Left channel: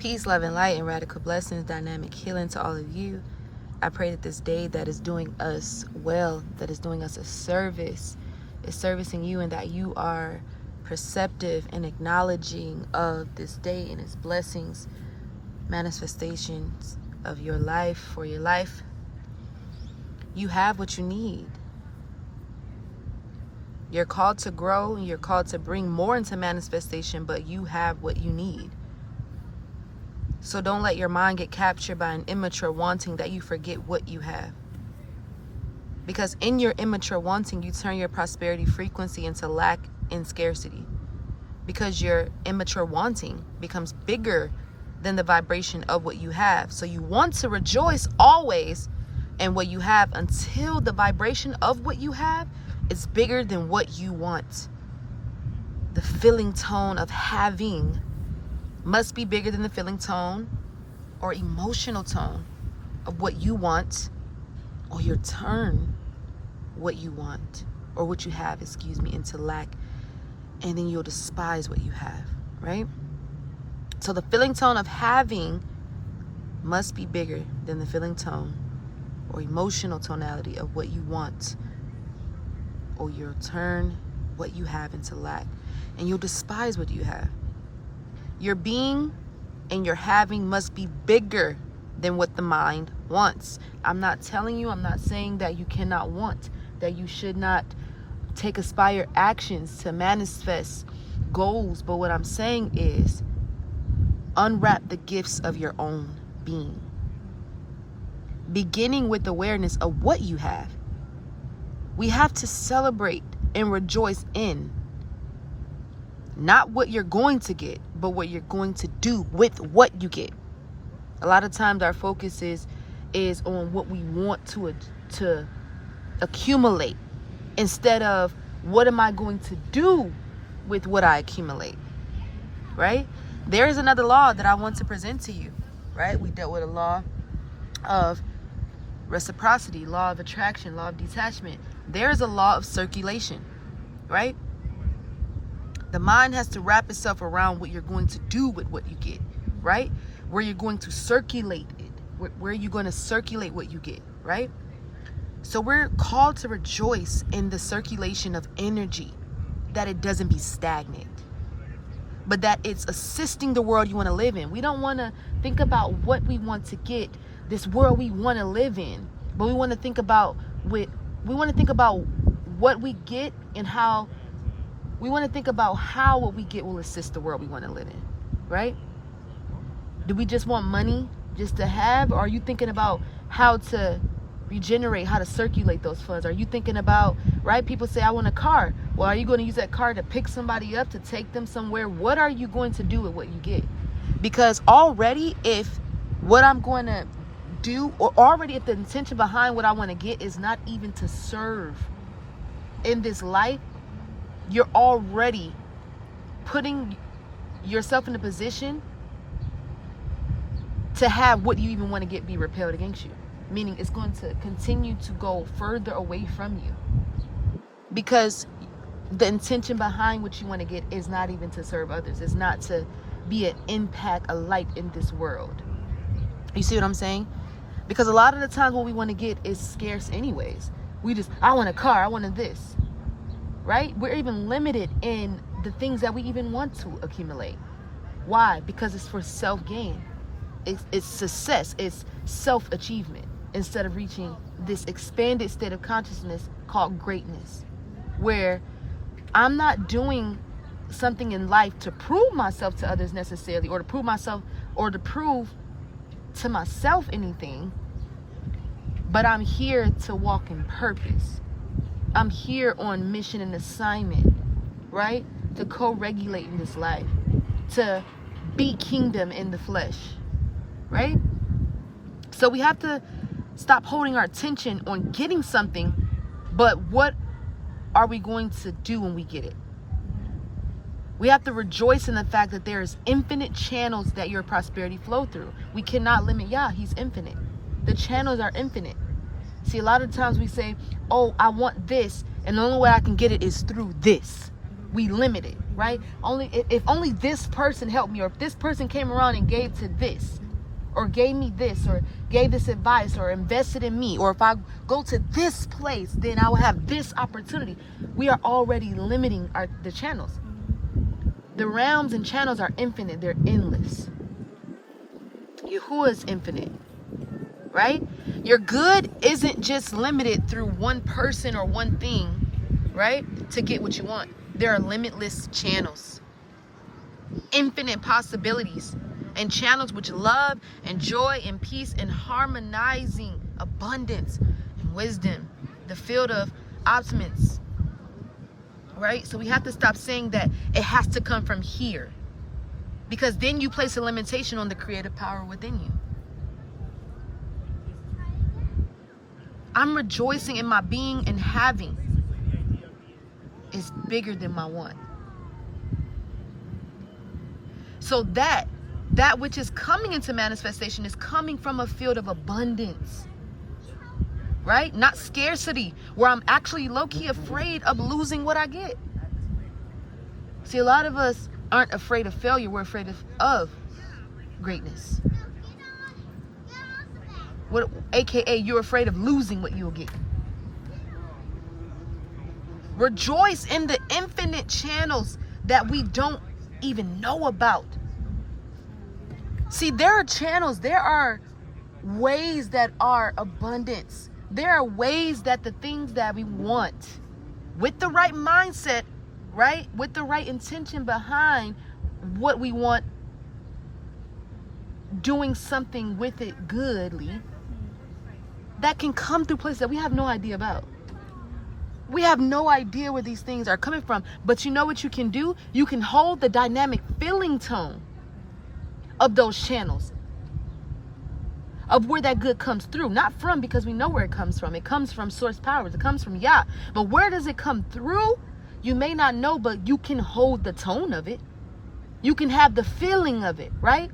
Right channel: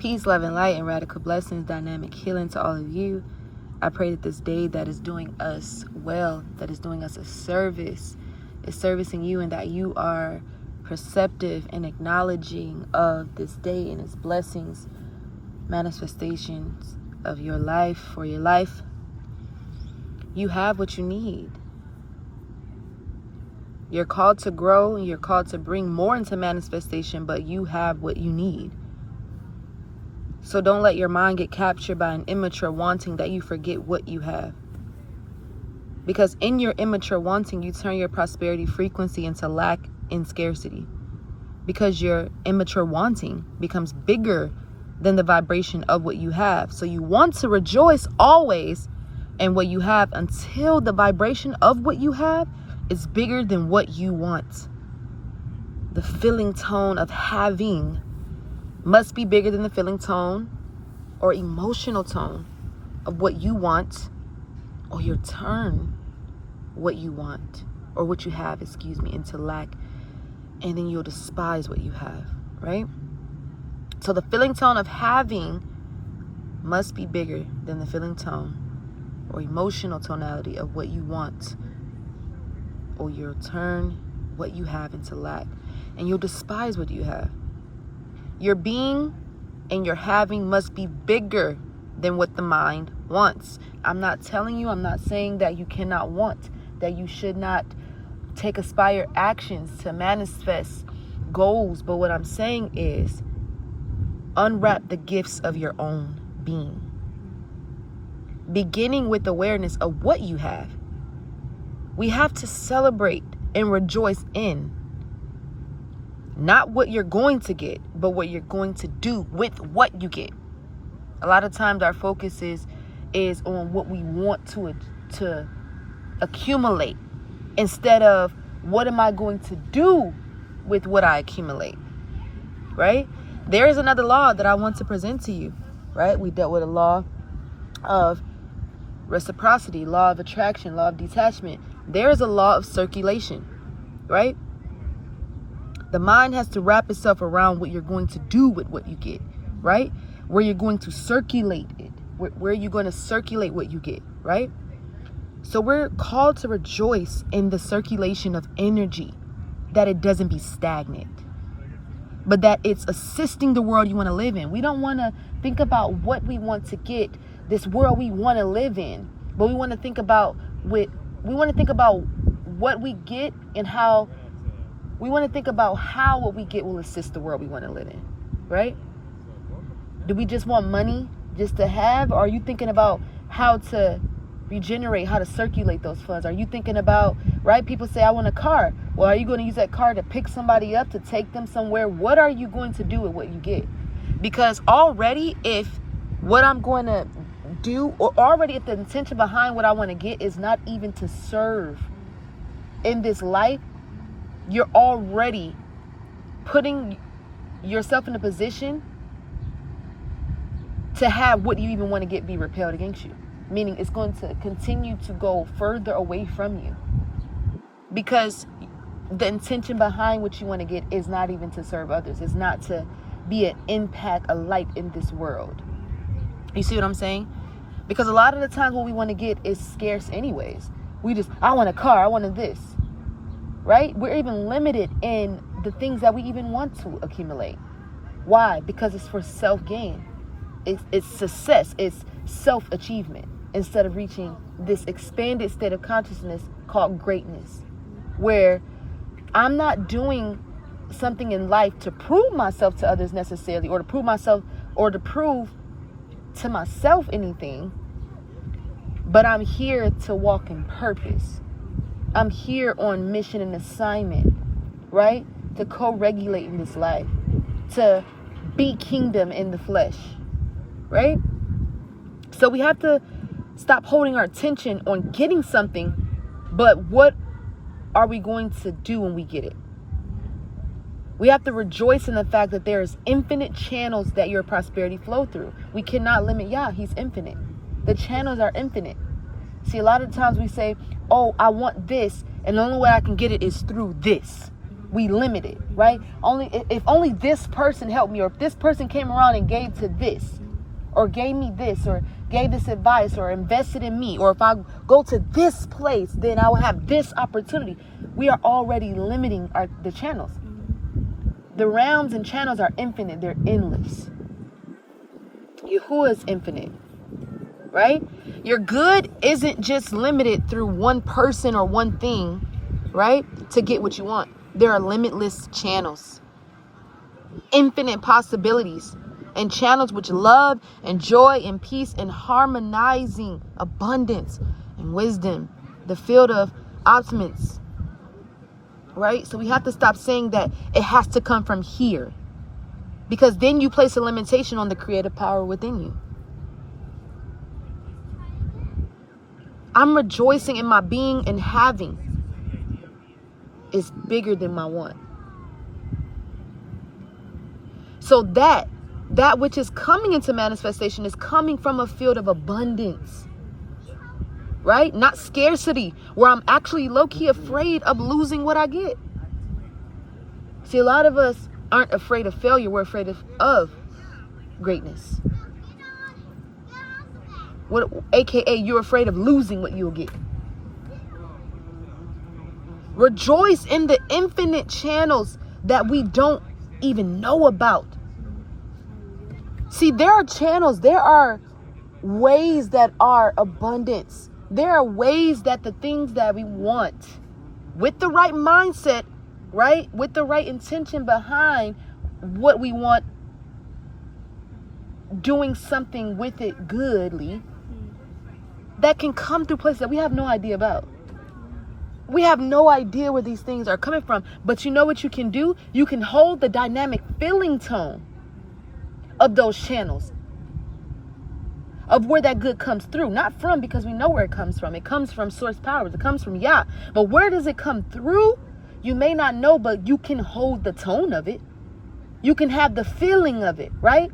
Peace, love, and light, and radical blessings, dynamic healing to all of you. I pray that this day that is doing us well, that is doing us a service, is servicing you, and that you are perceptive and acknowledging of this day and its blessings, manifestations of your life, for your life. You have what you need. You're called to grow, and you're called to bring more into manifestation, but you have what you need. So don't let your mind get captured by an immature wanting that you forget what you have. Because in your immature wanting, you turn your prosperity frequency into lack and scarcity. Because your immature wanting becomes bigger than the vibration of what you have. So you want to rejoice always in what you have until the vibration of what you have is bigger than what you want. The feeling tone of having must be bigger than the feeling tone or emotional tone of what you want, or you turn what you want or what you have, into lack, and then you'll despise what you have, right? So the feeling tone of having must be bigger than the feeling tone or emotional tonality of what you want, or you'll turn what you have into lack, and you'll despise what you have. Your being and your having must be bigger than what the mind wants. I'm not saying that you cannot want, that you should not take aspire actions to manifest goals. But what I'm saying is unwrap the gifts of your own being. Beginning with awareness of what you have. We have to celebrate and rejoice in not what you're going to get, but what you're going to do with what you get. A lot of times our focus is on what we want to accumulate, instead of what am I going to do with what I accumulate, right? There is another law that I want to present to you, right? We dealt with a law of reciprocity, law of attraction, law of detachment. There is a law of circulation, right? The mind has to wrap itself around what you're going to do with what you get, right? Where you're going to circulate it, where you're going to circulate what you get, right? So we're called to rejoice in the circulation of energy, that it doesn't be stagnant, but that it's assisting the world you want to live in. We don't want to think about what we want to get, this world we want to live in, but we want to think about what we get and how. We want to think about how what we get will assist the world we want to live in, right? Do we just want money just to have? Or are you thinking about how to regenerate, how to circulate those funds? Are you thinking about, right? People say, I want a car. Well, are you going to use that car to pick somebody up, to take them somewhere? What are you going to do with what you get? Because already, if what I'm going to do, or already if the intention behind what I want to get is not even to serve in this life, you're already putting yourself in a position to have what you even want to get be repelled against you. Meaning it's going to continue to go further away from you. Because the intention behind what you want to get is not even to serve others. It's not to be an impact, a light in this world. You see what I'm saying? Because a lot of the times what we want to get is scarce anyways. I want a car, I wanted this. Right? We're even limited in the things that we even want to accumulate. Why? Because it's for self-gain. It's success. It's self-achievement, instead of reaching this expanded state of consciousness called greatness, where I'm not doing something in life to prove myself to others necessarily, or to prove to myself anything, but I'm here to walk in purpose. I'm here on mission and assignment, right? To co-regulate in this life, to be kingdom in the flesh, right? So we have to stop holding our attention on getting something, but what are we going to do when we get it? We have to rejoice in the fact that there's infinite channels that your prosperity flow through. We cannot limit Yah. He's infinite. The channels are infinite. See, a lot of times we say, oh, I want this, and the only way I can get it is through this. we limit it, right? If only this person helped me, or if this person came around and gave to this, or gave me this, or gave this advice, or invested in me, or if I go to this place, then I will have this opportunity. We are already limiting the channels. The realms and channels are infinite. They're endless. Yahuwah is infinite, right? Your good isn't just limited through one person or one thing, right? To get what you want. There are limitless channels, infinite possibilities, and channels which love and joy and peace and harmonizing abundance and wisdom, the field of optimists, right? So we have to stop saying that it has to come from here, because then you place a limitation on the creative power within you. I'm rejoicing in my being and having is bigger than my want. So that which is coming into manifestation is coming from a field of abundance, right? Not scarcity, where I'm actually low-key afraid of losing what I get. See, a lot of us aren't afraid of failure. We're afraid of greatness. AKA, you're afraid of losing what you'll get. Rejoice in the infinite channels that we don't even know about. See, there are channels, there are ways that are abundance. There are ways that the things that we want, with the right mindset, right? With the right intention behind what we want, doing something with it goodly, that can come through places that we have no idea about. We have no idea where these things are coming from. But you know what you can do? You can hold the dynamic feeling tone of those channels, of where that good comes through. Not from, because we know where it comes from. It comes from source powers. It comes from Yah. But where does it come through? You may not know, but you can hold the tone of it. You can have the feeling of it, right?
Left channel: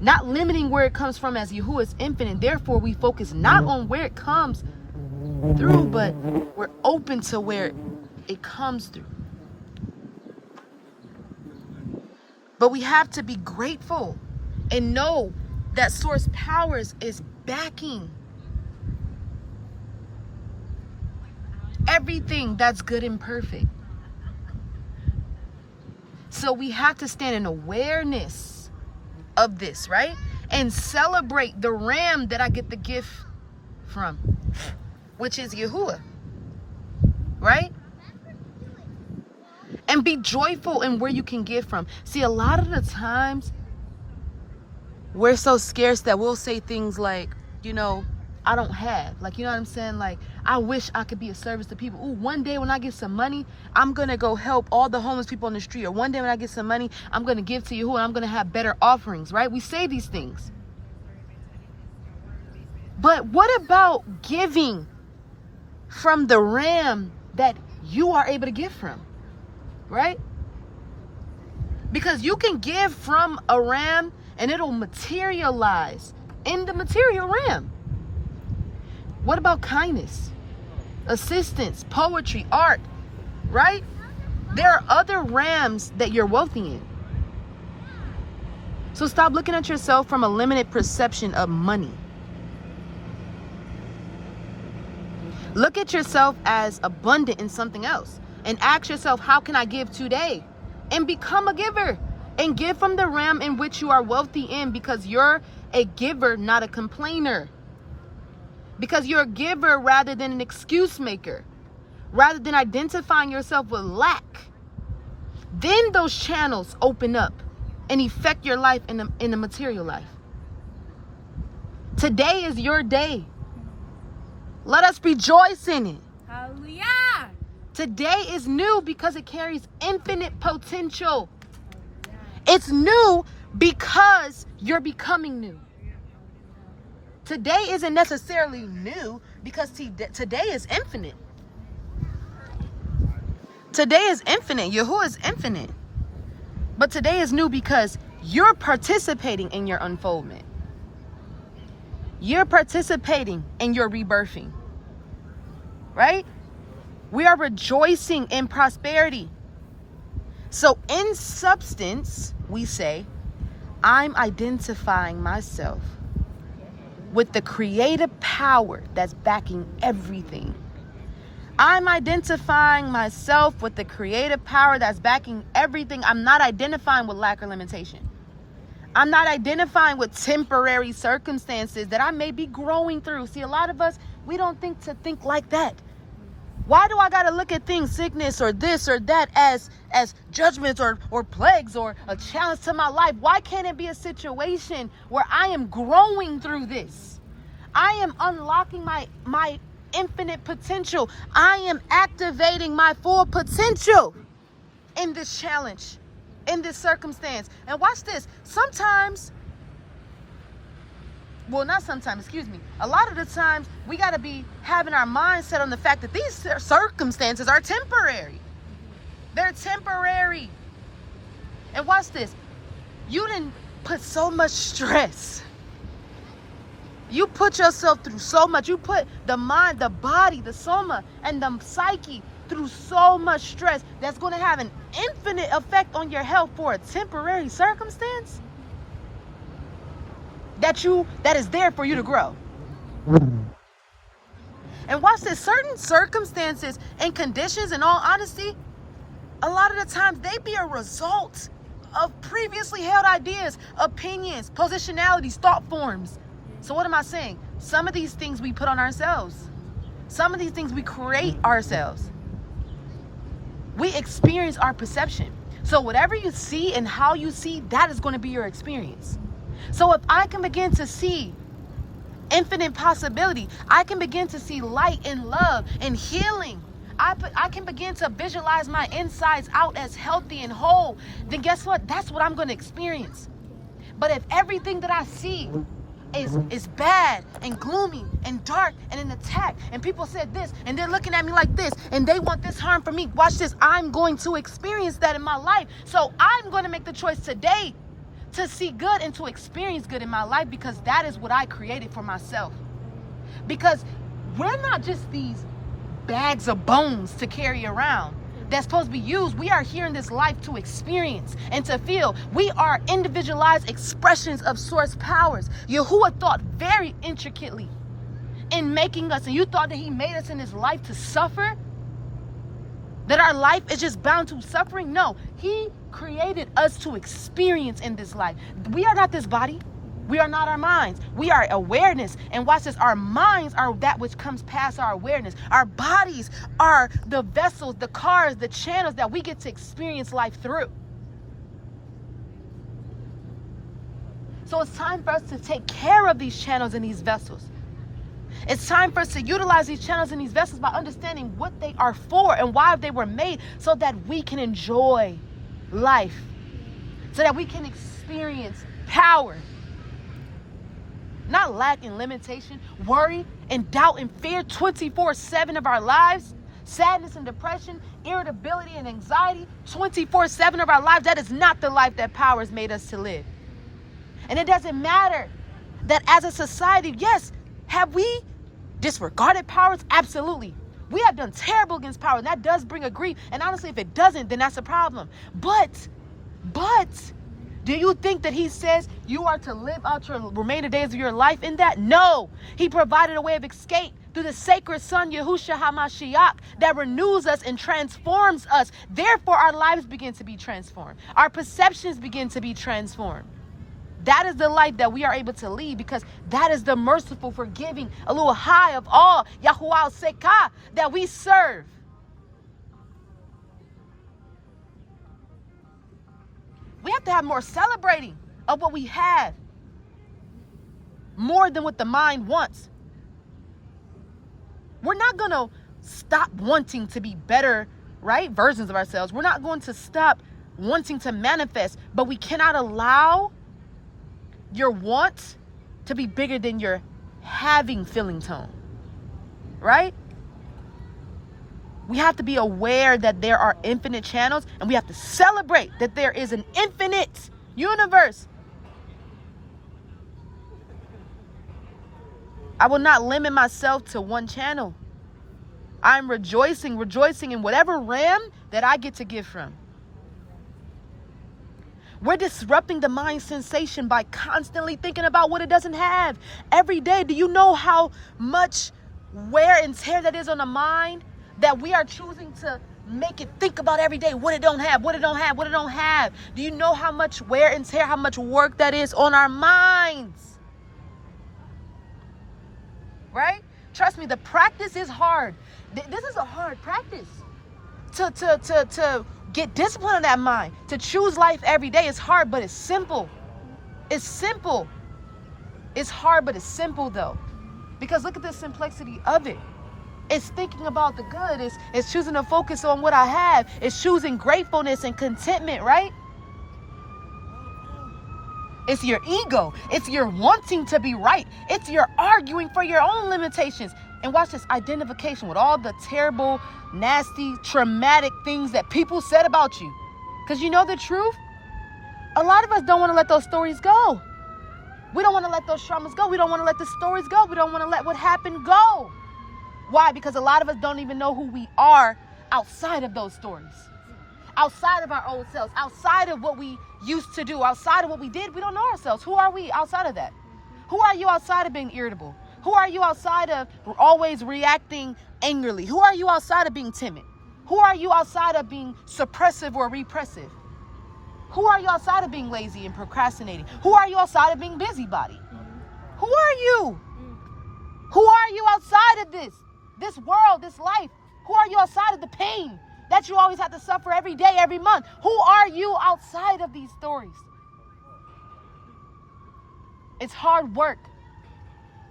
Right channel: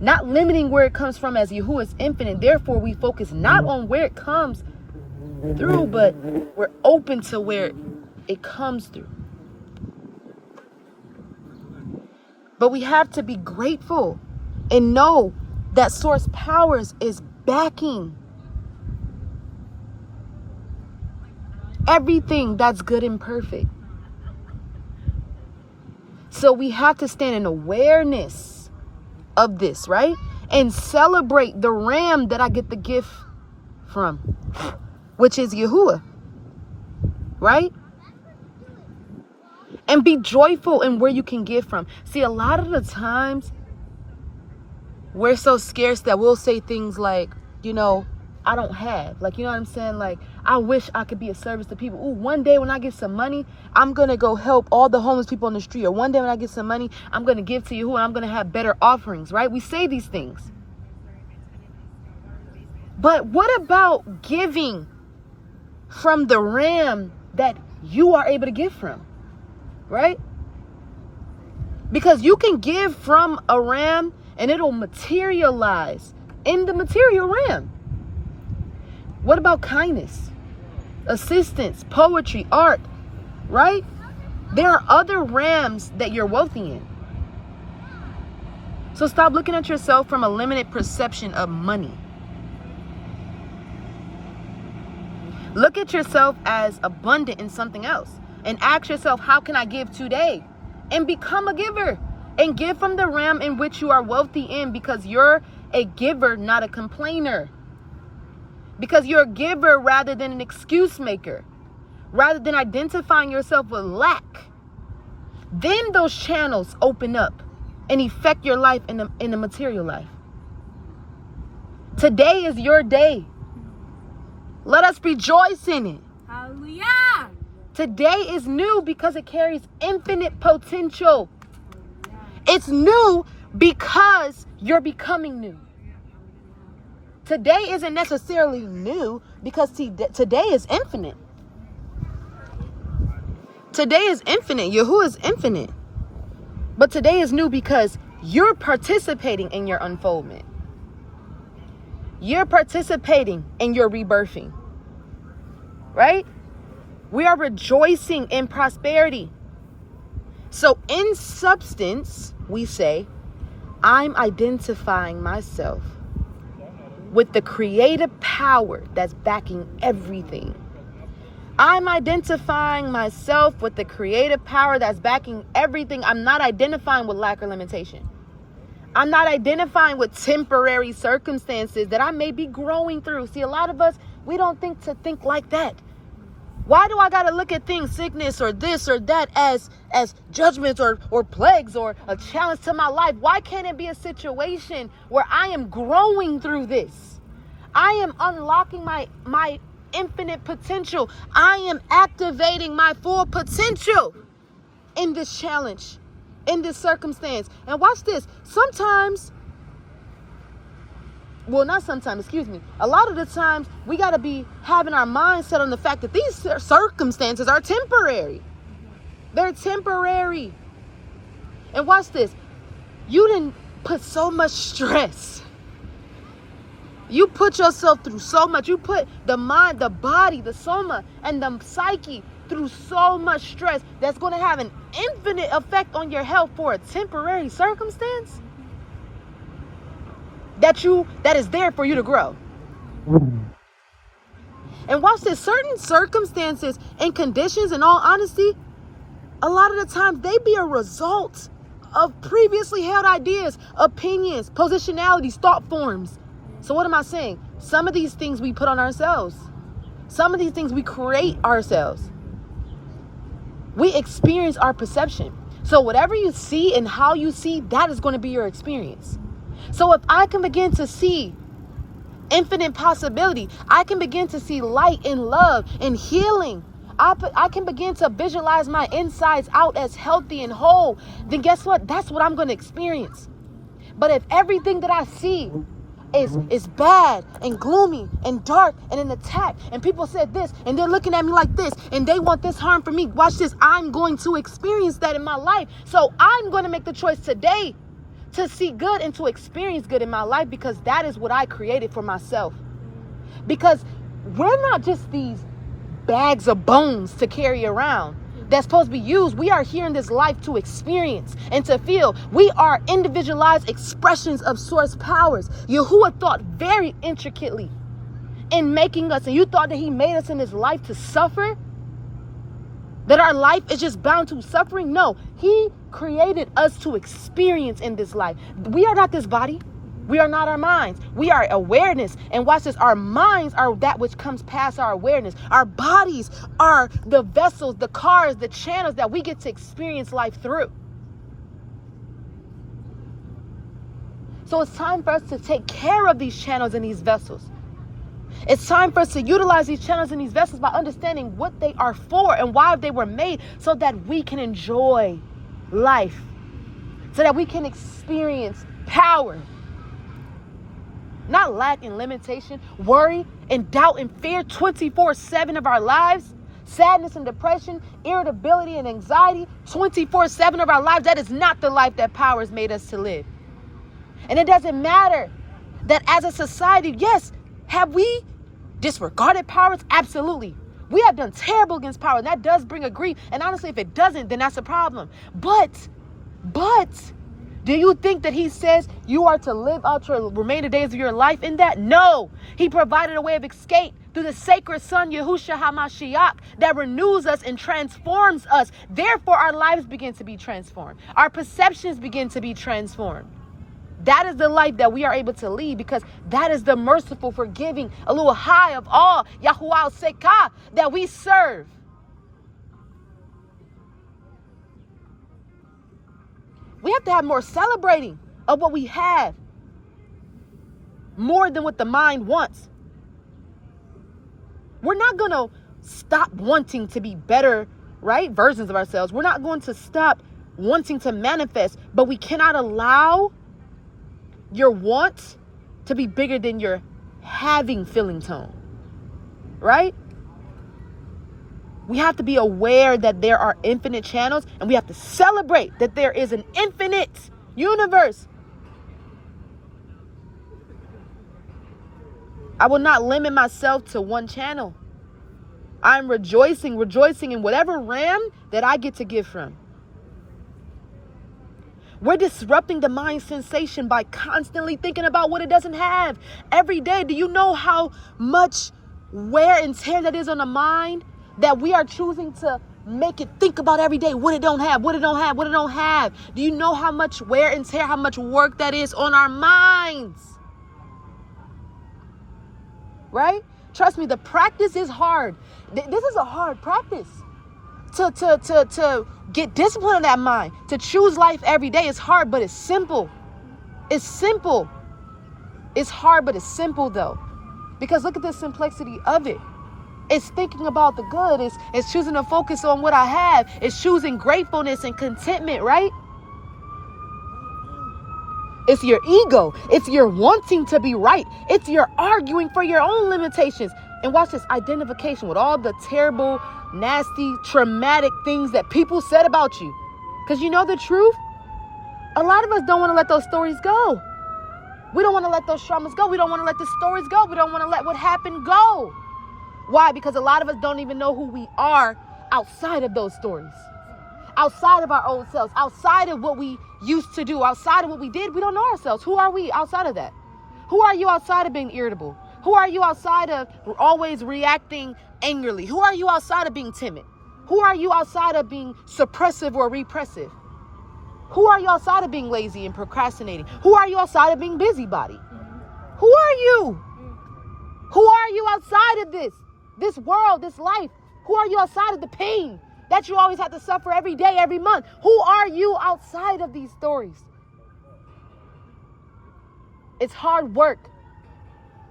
Not limiting where it comes from, as Yahuwah is infinite. Therefore, we focus not on where it comes through, but we're open to where it comes through. But we have to be grateful and know that source powers is backing everything that's good and perfect. So we have to stand in awareness of this, right? And celebrate the ram that I get the gift from, which is Yahuwah, right? And be joyful in where you can get from. See, a lot of the times we're so scarce that we'll say things like, you know, I don't have. Like, you know what I'm saying? Like, I wish I could be a service to people. Ooh, one day when I get some money, I'm going to go help all the homeless people on the street. Or one day when I get some money, I'm going to give to Yahuwah and I'm going to have better offerings, right? We say these things. But what about giving from the ram that you are able to give from, right? Because you can give from a ram and it'll materialize in the material realm. What about kindness, assistance, poetry, art, right? There are other rams that you're wealthy in. So stop looking at yourself from a limited perception of money. Look at yourself as abundant in something else. And ask yourself, how can I give today? And become a giver. And give from the realm in which you are wealthy in, because you're a giver, not a complainer. Because you're a giver rather than an excuse maker. Rather than identifying yourself with lack. Then those channels open up and affect your life in the material life. Today is your day. Let us rejoice in it. Hallelujah. Today is new because it carries infinite potential. It's new because you're becoming new. Today isn't necessarily new because today is infinite. Today is infinite. Yahuwah is infinite. But today is new because you're participating in your unfoldment. You're participating in your rebirthing. Right? We are rejoicing in prosperity. So in substance, we say, I'm identifying myself with the creative power that's backing everything. I'm identifying myself with the creative power that's backing everything. I'm not identifying with lack or limitation. I'm not identifying with temporary circumstances that I may be growing through. See, a lot of us, we don't think like that. Why do I got to look at things, sickness or this or that, as judgments or plagues or a challenge to my life? Why can't it be a situation where I am growing through this? I am unlocking my infinite potential. I am activating my full potential in this challenge, in this circumstance. And watch this. A lot of the times we got to be having our mind set on the fact that these circumstances are temporary. They're temporary. And watch this. You didn't put so much stress. You put yourself through so much. You put the mind, the body, the soma, and the psyche through so much stress that's going to have an infinite effect on your health for a temporary circumstance that is there for you to grow. And watch this. Certain circumstances and conditions, in all honesty, a lot of the times they be a result of previously held ideas, opinions, positionalities, thought forms. So what am I saying? Some of these things we put on ourselves. Some of these things we create ourselves. We experience our perception. So whatever you see and how you see, that is going to be your experience. So if I can begin to see infinite possibility, I can begin to see light and love and healing, I can begin to visualize my insides out as healthy and whole, then guess what? That's what I'm going to experience. But if everything that I see is bad and gloomy and dark and an attack, and people said this and they're looking at me like this and they want this harm for me, watch this. I'm going to experience that in my life. So I'm going to make the choice today to see good and to experience good in my life, because that is what I created for myself. Because we're not just these bags of bones to carry around that's supposed to be used. We are here in this life to experience and to feel. We are individualized expressions of source powers. Yahuwah thought very intricately in making us, and you thought that he made us in this life to suffer? That our life is just bound to suffering? No, he created us to experience in this life. We are not this body. We are not our minds. We are awareness. And watch this. Our minds are that which comes past our awareness. Our bodies are the vessels, the cars, the channels that we get to experience life through. So it's time for us to take care of these channels and these vessels. It's time for us to utilize these channels and these vessels by understanding what they are for and why they were made, so that we can enjoy life, so that we can experience power, not lack and limitation, worry and doubt and fear 24/7 of our lives, sadness and depression, irritability and anxiety 24/7 of our lives. That is not the life that power has made us to live. And it doesn't matter that as a society, yes, have we disregarded powers? Absolutely. We have done terrible against power, and that does bring a grief. And honestly, if it doesn't, then that's a problem. But do you think that he says you are to live out your remaining days of your life in that? No. He provided a way of escape through the sacred son, Yahushua HaMashiach, that renews us and transforms us. Therefore, our lives begin to be transformed. Our perceptions begin to be transformed. That is the life that we are able to lead, because that is the merciful, forgiving, a little high of all, Yahuwah Sekah, that we serve. We have to have more celebrating of what we have, more than what the mind wants. We're not going to stop wanting to be better, right, versions of ourselves. We're not going to stop wanting to manifest, but we cannot allow your want to be bigger than your having feeling tone, right? We have to be aware that there are infinite channels, and we have to celebrate that there is an infinite universe. I will not limit myself to one channel. I'm rejoicing in whatever realm that I get to give from. We're disrupting the mind sensation by constantly thinking about what it doesn't have. Every day, do you know how much wear and tear that is on the mind? That we are choosing to make it think about every day what it don't have, what it don't have, what it don't have. Do you know how much wear and tear, how much work that is on our minds? Right? Trust me, the practice is hard. This is a hard practice. To get discipline in that mind, to choose life every day is hard, but it's simple. It's simple. It's hard, but it's simple though. Because look at the simplicity of it. It's thinking about the good. It's choosing to focus on what I have. It's choosing gratefulness and contentment, right? It's your ego. It's your wanting to be right. It's your arguing for your own limitations. And watch this, identification with all the terrible, nasty, traumatic things that people said about you. Because you know the truth? A lot of us don't want to let those stories go. We don't want to let those traumas go. We don't want to let the stories go. We don't want to let what happened go. Why? Because a lot of us don't even know who we are outside of those stories. Outside of our old selves. Outside of what we used to do. Outside of what we did. We don't know ourselves. Who are we outside of that? Who are you outside of being irritable? Who are you outside of always reacting angrily? Who are you outside of being timid? Who are you outside of being suppressive or repressive? Who are you outside of being lazy and procrastinating? Who are you outside of being busybody? Who are you? Who are you outside of this world, this life? Who are you outside of the pain that you always have to suffer every day, every month? Who are you outside of these stories? It's hard work,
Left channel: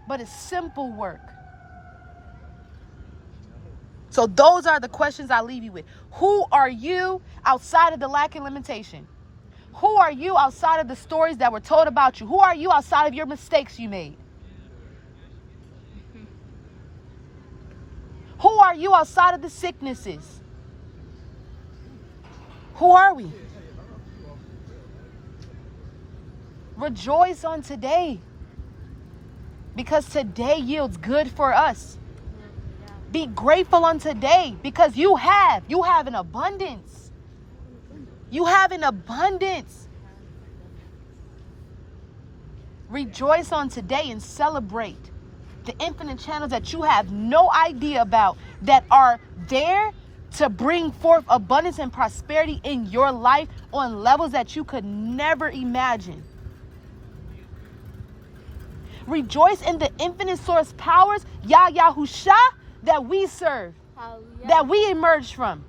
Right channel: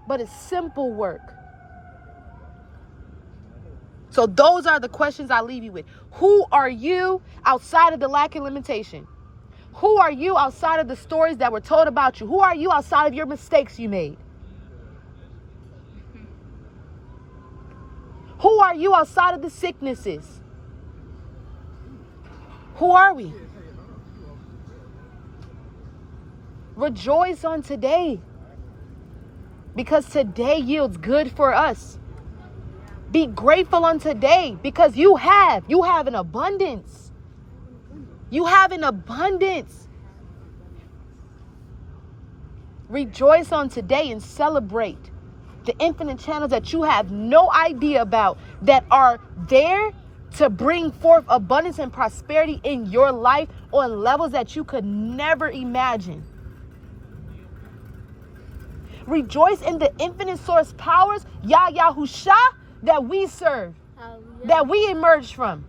but it's simple work. So those are the questions I leave you with. Who are you outside of the lack and limitation? Who are you outside of the stories that were told about you? Who are you outside of your mistakes you made? Who are you outside of the sicknesses? Who are we? Rejoice on today. Because today yields good for us. Be grateful on today because you have an abundance. You have an abundance. Rejoice on today and celebrate the infinite channels that you have no idea about that are there to bring forth abundance and prosperity in your life on levels that you could never imagine. Rejoice in the infinite source powers, Yahusha, that we serve, that we emerged from.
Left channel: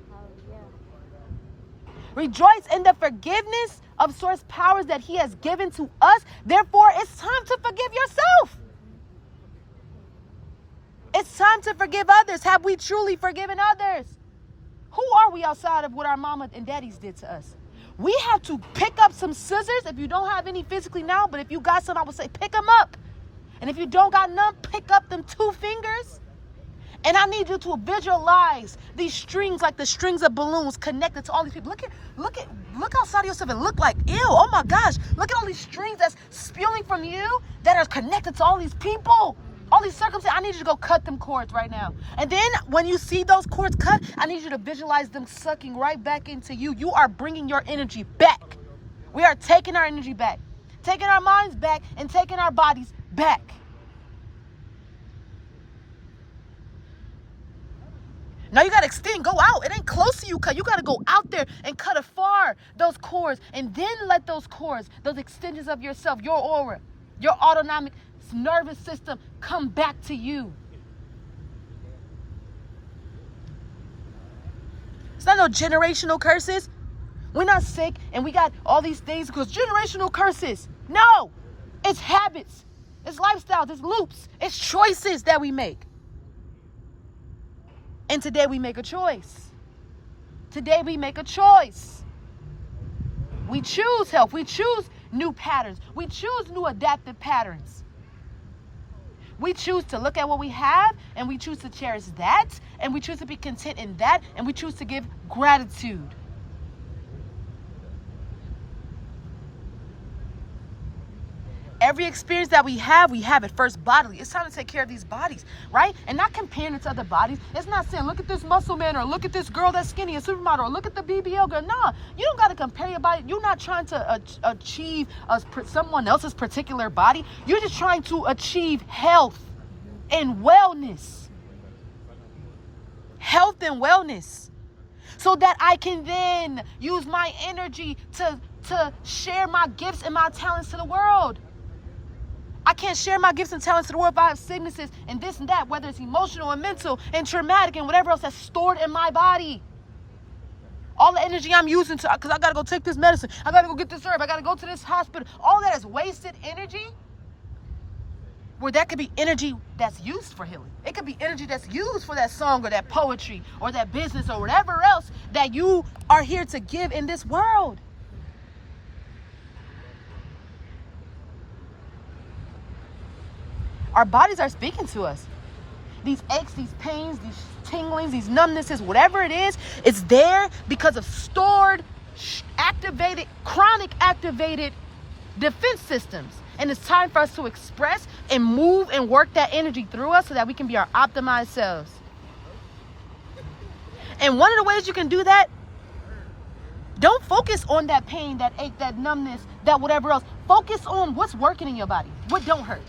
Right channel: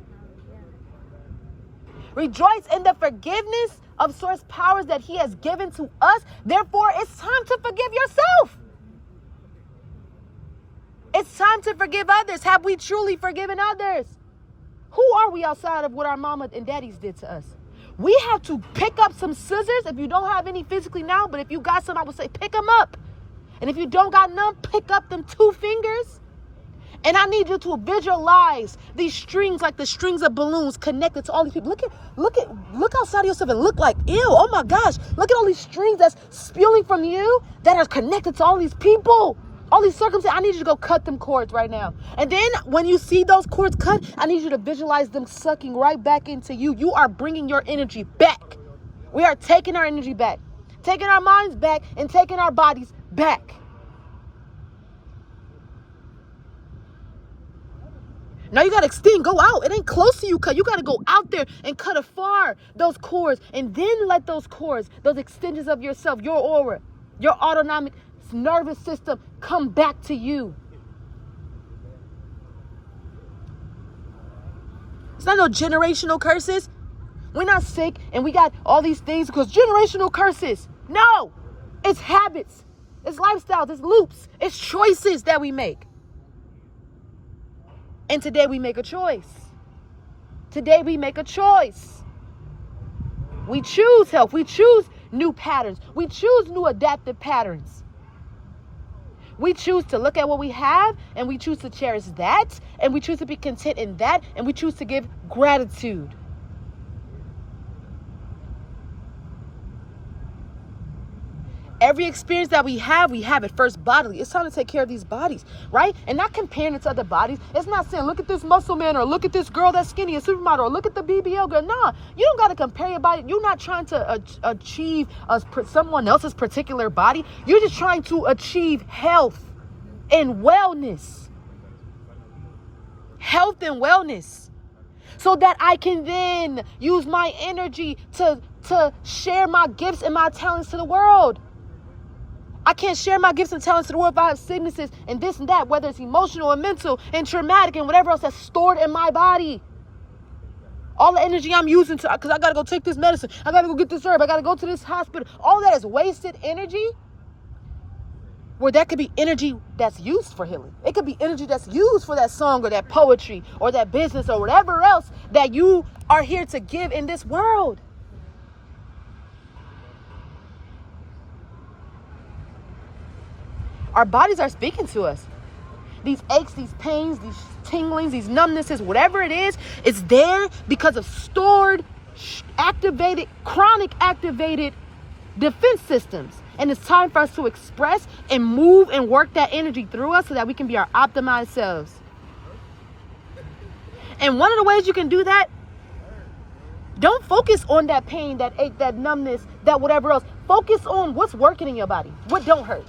Rejoice in the forgiveness of source powers that he has given to us. Therefore, it's time to forgive yourself. It's time to forgive others. Have we truly forgiven others? Who are we outside of what our mama and daddies did to us? We have to pick up some scissors. If you don't have any physically now, but if you got some, I would say pick them up. And if you don't got none, pick up them 2 fingers. And I need you to visualize these strings like the strings of balloons connected to all these people. Look outside of yourself and look like, ew, oh my gosh. Look at all these strings that's spewing from you that are connected to all these people. All these circumstances. I need you to go cut them cords right now. And then when you see those cords cut, I need you to visualize them sucking right back into you. You are bringing your energy back. We are taking our energy back. Taking our minds back and taking our bodies back. Now you got to extend, go out. It ain't close to you. You got to go out there and cut afar those cords and then let those cords, those extensions of yourself, your aura, your autonomic nervous system come back to you. It's not no generational curses. We're not sick and we got all these things because generational curses. No, it's habits. It's lifestyles. It's loops. It's choices that we make. And today we make a choice. Today we make a choice. We choose health. We choose new patterns. We choose new adaptive patterns. We choose to look at what we have and we choose to cherish that and we choose to be content in that and we choose to give gratitude. Every experience that we have it first bodily. It's time to take care of these bodies, right? And not comparing it to other bodies. It's not saying, look at this muscle man, or look at this girl that's skinny, a supermodel, or look at the BBL girl. Nah, you don't got to compare your body. You're not trying to achieve someone else's particular body. You're just trying to achieve health and wellness. Health and wellness. So that I can then use my energy to share my gifts and my talents to the world. I can't share my gifts and talents to the world if I have sicknesses and this and that, whether it's emotional and mental and traumatic and whatever else that's stored in my body. All the energy I'm using because I got to go take this medicine. I got to go get this herb. I got to go to this hospital. All that is wasted energy, where that could be energy that's used for healing. It could be energy that's used for that song or that poetry or that business or whatever else that you are here to give in this world. Our bodies are speaking to us. These aches, these pains, these tinglings, these numbnesses, whatever it is, it's there because of stored, activated, chronic activated defense systems. And it's time for us to express and move and work that energy through us so that we can be our optimized selves. And one of the ways you can do that, don't focus on that pain, that ache, that numbness, that whatever else. Focus on what's working in your body, what don't hurt.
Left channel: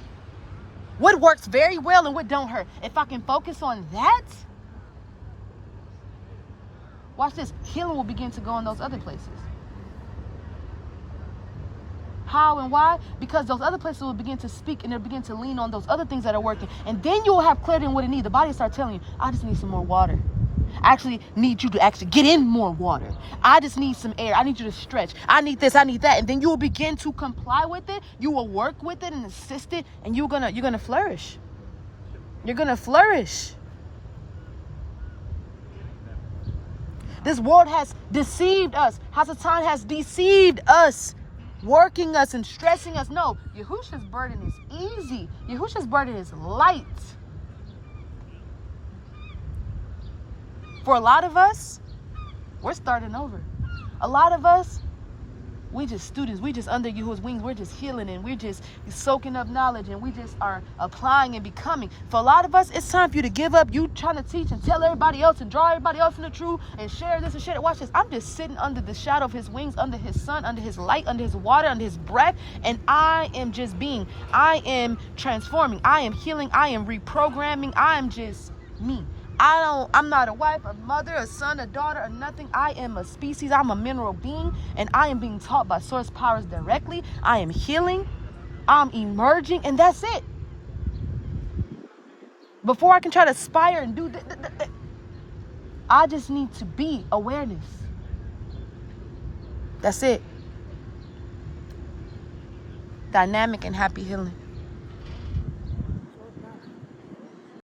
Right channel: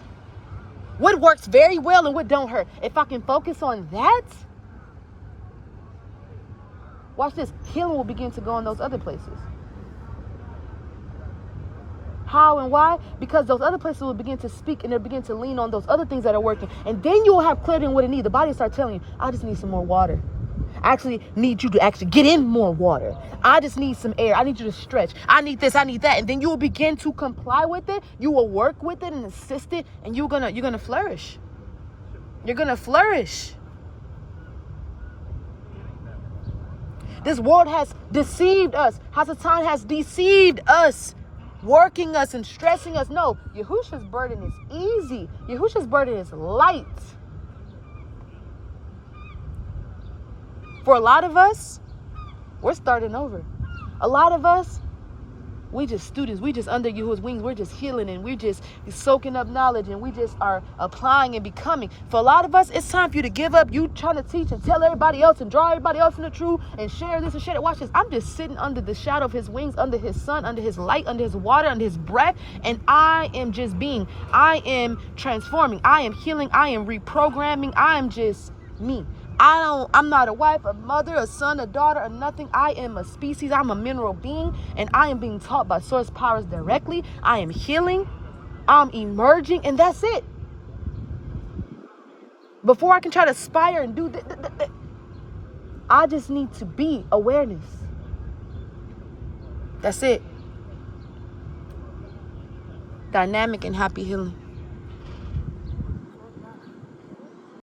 What works very well and what don't hurt. If I can focus on that, watch this, healing will begin to go in those other places. How and why? Because those other places will begin to speak and they'll begin to lean on those other things that are working. And then you will have clarity in what it needs. The body will start telling you, I just need some more water. I actually need you to actually get in more water. I just need some air. I need you to stretch. I need this, I need that. And then you will begin to comply with it. You will work with it and assist it. And you're gonna flourish. You're gonna flourish. This world has deceived us. Hasatan has deceived us, working us and stressing us. No, Yahushua's burden is easy. Yahushua's burden is light. For a lot of us, we're starting over. A lot of us, we just students. We just under Yahushua's wings. We're just healing and we're just soaking up knowledge and we just are applying and becoming. For a lot of us, it's time for you to give up. You trying to teach and tell everybody else and draw everybody else in the truth and share this and share that. Watch this. I'm just sitting under the shadow of his wings, under his sun, under his light, under his water, under his breath. And I am just being. I am transforming. I am healing. I am reprogramming. I am just me. I'm not a wife, a mother, a son, a daughter, or nothing. I am a species. I'm a mineral being, and I am being taught by source powers directly. I am healing. I'm emerging, and that's it. Before I can try to aspire and do I just need to be awareness. That's it. Dynamic and happy healing.